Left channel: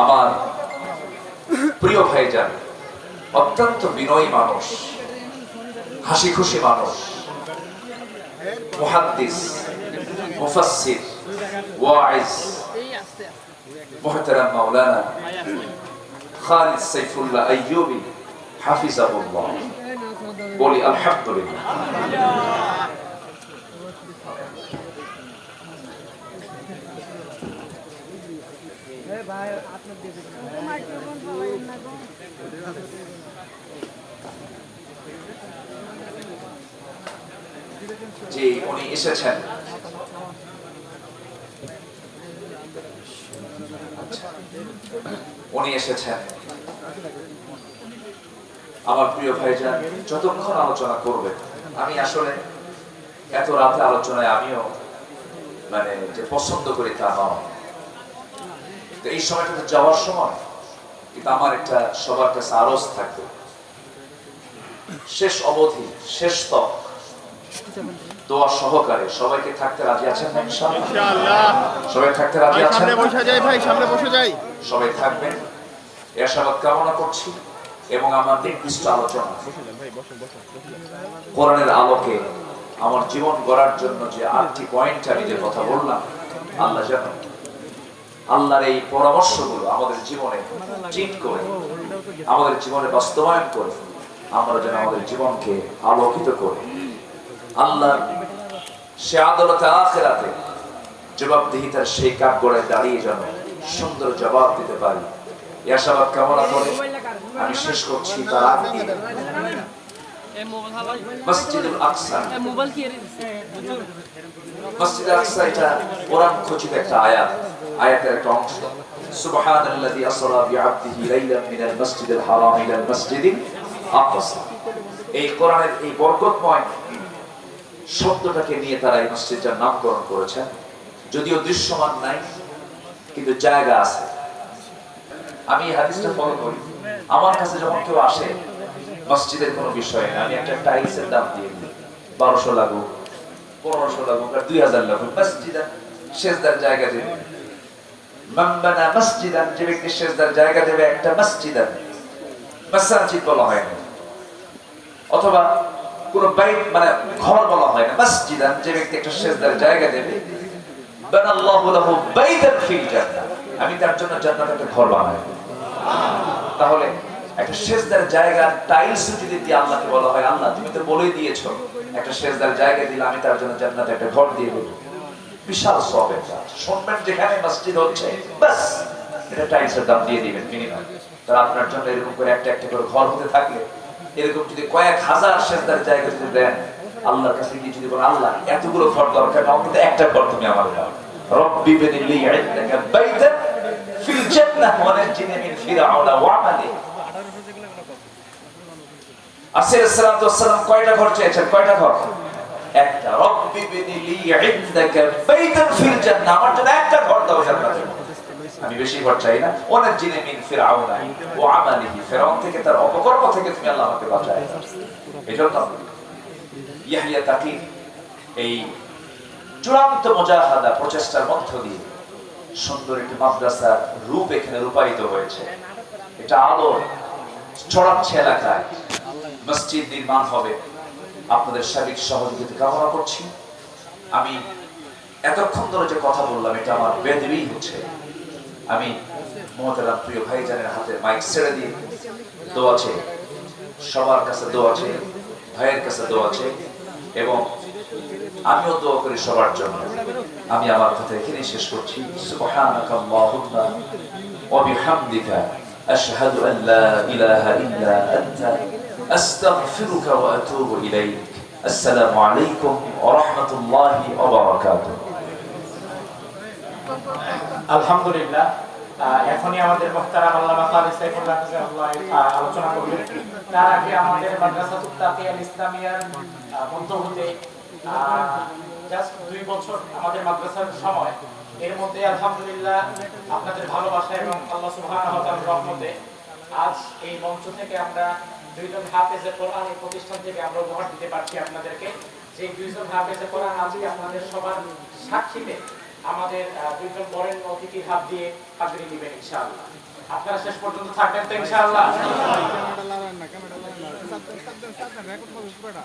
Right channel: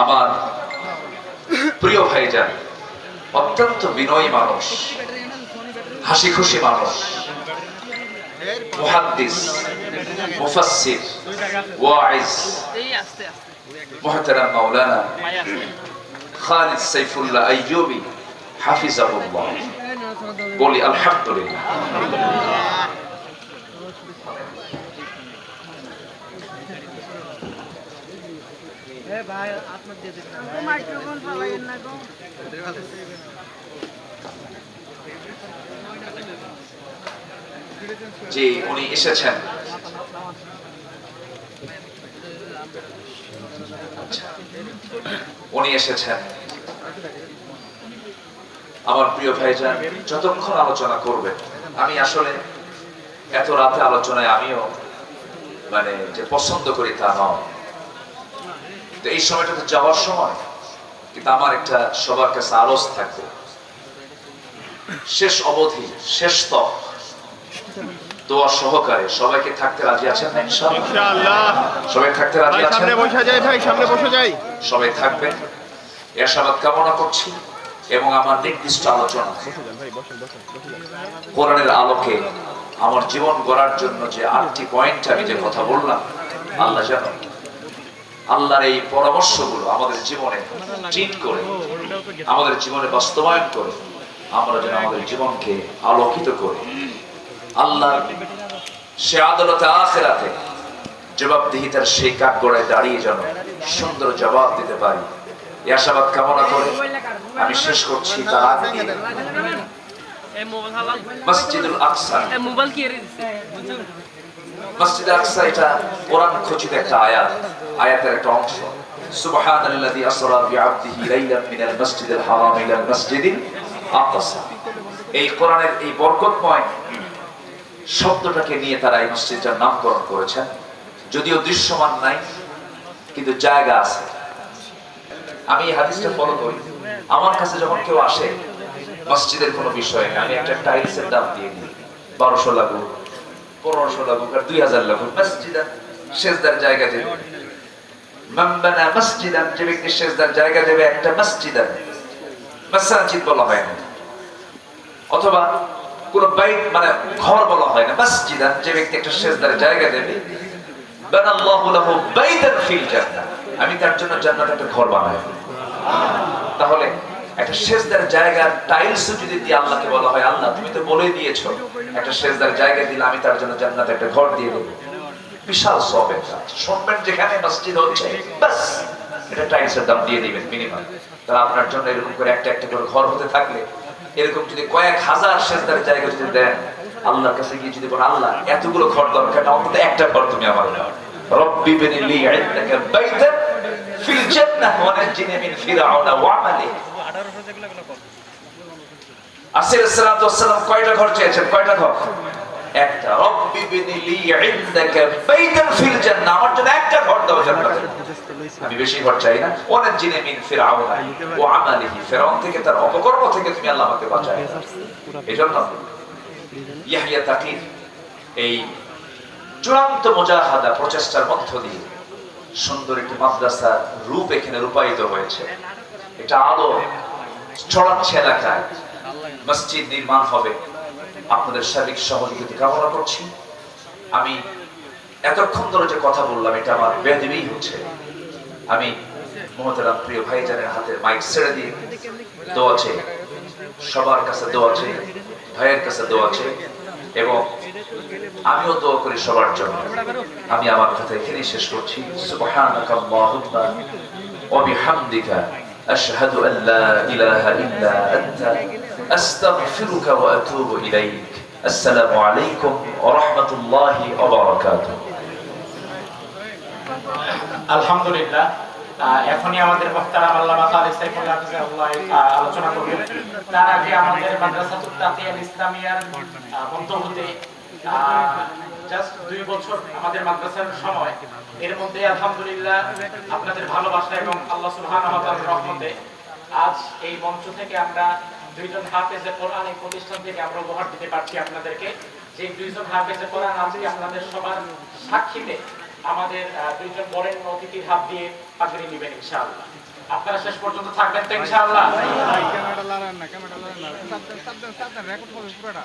আমার প্রিয় ভাইজান, অত্যন্ত বিনয়ী মানুষ, হাসি খুশি মানুষ, মুহাদ্দিস, মুফাসসির, ওয়াইজ, মুহতারাম মাওলানা খালিদ সাইফুল্লাহ আইয়ুবী হাফিজাহুল্লাহ। বলি আলহামদুলিল্লাহ। জি, উনি এসেছেন। উনি এসেছেন আমার প্রিয় ভাইজান। যতক্ষণ আলোচনা করবেন, আমি আসলে এত রাতে আলোচনায় আমিও যে পছন্দ করি তা নয়, তো এই সময়টাতে যাওয়ার সময় কিন্তু আমার একটা সবার কাছে আরজ থাকবে, শেষ অবধি শেষ তক দোয়া সহকারে সবাইকে থাকতে রাজি আছেন না? ইনশাআল্লাহ সবাই থাকতে রাজি আছেন? সবাই থাকবেন এ আশাবাদ কামনা করছি। এবং আমার নির্দিষ্ট আলোচনা কোরআনের আলোকে আমার জীবন গড়ার জন্য যে 8টি পয়েন্ট আমি যে কথা বললাম, আল্লাহ যেন আল্লাহর এই পরামর্শগুলো আমাদের জীবনে ট্রিট করে, আমাদের জীবনে বাস্তবায়ন করে, আমরা যেন আমাদের জীবনকে আলোকিত করে আল্লাহর সে আদালতে আখিরাতে জবাবদিহিতার সেই কাঠগড়ায় দাঁড়িয়ে যেন সুন্দর জবাব দিতে পারি, এই আশাবাদ কামনা করে আমি শেষ করছি। তার আগে মসজিদুল আকসা, মসজিদ আকসা এটা কোরআন খচিত একটা আয়াত, আয়াতের একটা অংশ। সুবহানাল্লাযী আসরা বিআবদিহি লাইলাম মিনাল মাসজিদিল হারাম ইলাল মাসজিদিল আকসা। এই কোরআনের এই বরকতময় শব্দটাকে নিয়ে তারা এই মসজিদটার নামকরণ করেছেন। যদিও দৃশ্যমান নাই, কিন্তু জায়গা আছে। আমি এই হাদিসটা ফলো করি। আমার কাছে যখন কেউ আসে মসজিদের কোনো বিষয়ে, আমি একটা টাইলসের দাম দিয়ে দিই, 1200 লাগুক, 1500 লাগুক আর 2000 লাগুক, মসজিদান সেজদার জায়গা দেবে। মান বানা মসজিদান, যে ব্যক্তি সেজদার জায়গা দেবে একটা মসজিদান, মাসাজিদ বলা হয় না, অথবা কোন বাইত ঘর বলা হয় না, মসজিদান, যে ব্যক্তি একটা সেজদার জায়গা দেবে, বানাল্লাহু লাহু বাইতান ফিল জান্নাহ, আমি তার জন্য জান্নাতে একটা ঘর বানাই। তাহলে একটা সেজদার জায়গা টাইলস যদি দিয়ে আল্লাহকে বলা হয়, আল্লাহ তুমি তো বলেই দিয়েছো একটা সেজদার জায়গা দিলে আমি তার জন্য জান্নাতে একটা ঘর দিয়ে দেব, বিশাল সওয়াবের কাজ। শুনবেন যেখানে মসজিদ হচ্ছে, বাস এটা টাইলসের দাম দিয়ে দিবেন মিনিমাম। তাহলে আপনার জন্য এরকম করে একটা একটা করে ঘর হতে থাকলে, এরকম যদি কয়েক হাজার সেজদার জায়গা যদি দেন, আল্লাহর কাছে গিয়ে যদি বলেন আল্লাহ এতগুলো ঘর দরকার না, অন্তত একটা ঘর তুমি আমার দাও, রব্বি বিনি লি ইনদাকা বাইতান ফিল জান্নাহ ওয়া নাজিনি মিন ফিরআউনা ওয়া আমালিহি। আলাইহিস সালাতু ওয়াস সালাম কয়টা ঘর চেয়েছেন? কয়টা ঘর? একটা। রব্বি বিনি লি ইনদাকা বাইতান ফিল জান্নাহ, আমার জন্য একটা ঘর দাও জান্নাতে, আমি বেশি ঘর চাই না। ওয়া নাজিনি মিন ফিরআউনা ওয়া আমালিহি, ফিরআউন থেকে তার অপকর্ম থেকে তুমি আল্লাহ আমাকে বাঁচাও। এজন্য ইয়াহইয়া তাকির এই চূড়ান্ত মুজাহাদা প্রচেষ্টার মধ্য দিয়ে সুন্দর একটি মাদ্রাসার রূপ এখানে রূপায়িত হয়েছে। এটা আলো ছড়াচ্ছে এলাকায়, মসজিদ নির্মাণ হবে। আপনাদের সার্বিক সহযোগিতা কামনা করছি। আমি এতক্ষণ ধরে যে কথা বললাম এটা আমার বেদবি হচ্ছে। আমি মহতারাম প্রিয় ভাইজানের হাতের মাইক ছেড়ে দিয়ে দোয়া চাই, সবার কাছে দোয়া চাই, ভাইয়ের কাছে দোয়া চাই, এবং আমিও দোয়া করি সবার জন্য। আমি আমার কথা এখানেই শেষ করছি। সুবহানাকা আল্লাহুম্মা ওয়া বিহামদিকা আশহাদু আন লা ইলাহা ইল্লা আনতা আস্তাগফিরুকা ওয়া আতুবু ইলাইক। আসসালামু আলাইকুম ওয়া রাহমাতুল্লাহি ওয়া বারাকাতুহু। আলহামদুলিল্লাহ, এখনই আমাদের মুহতারাম আল্লামা খালিদ সাইফুল্লাহ আলোচনা করবেন। তার আগে আমাদের মাদ্রাসাতুত তাকিয়াল ইসলামিয়ার বন্ধুতে জাস্ট 2 বছর আমাদের মাদ্রাসার সময়, এর মধ্যে আলহামদুলিল্লাহ আপনাদের ভালোবাসা এবং আল্লাহ সুবহানাহু ওয়া তাআলার রহমতে আজ এই মঞ্চ থেকে আমরা 2 জন হাফেজে কোরআন এই প্রতিষ্ঠান থেকে আমরা উপহার দিতে পারছি আপনাদেরকে। যে 2 জন হাফেজে কোরআন আজকে আপনাদের সবার সাক্ষীতে আমাদের দুইজন বরেণ্য অতিথির হাত দিয়ে পাগড়ি নেবেন ইনশাআল্লাহ। আপনারা শেষ পর্যন্ত থাকবেন তো ইনশাআল্লাহ। ক্যামেরা লাগান না, ক্যামেরা লাগান না, সাবধান সাবধান সাবধান, রেকর্ড হবে পুরোটা।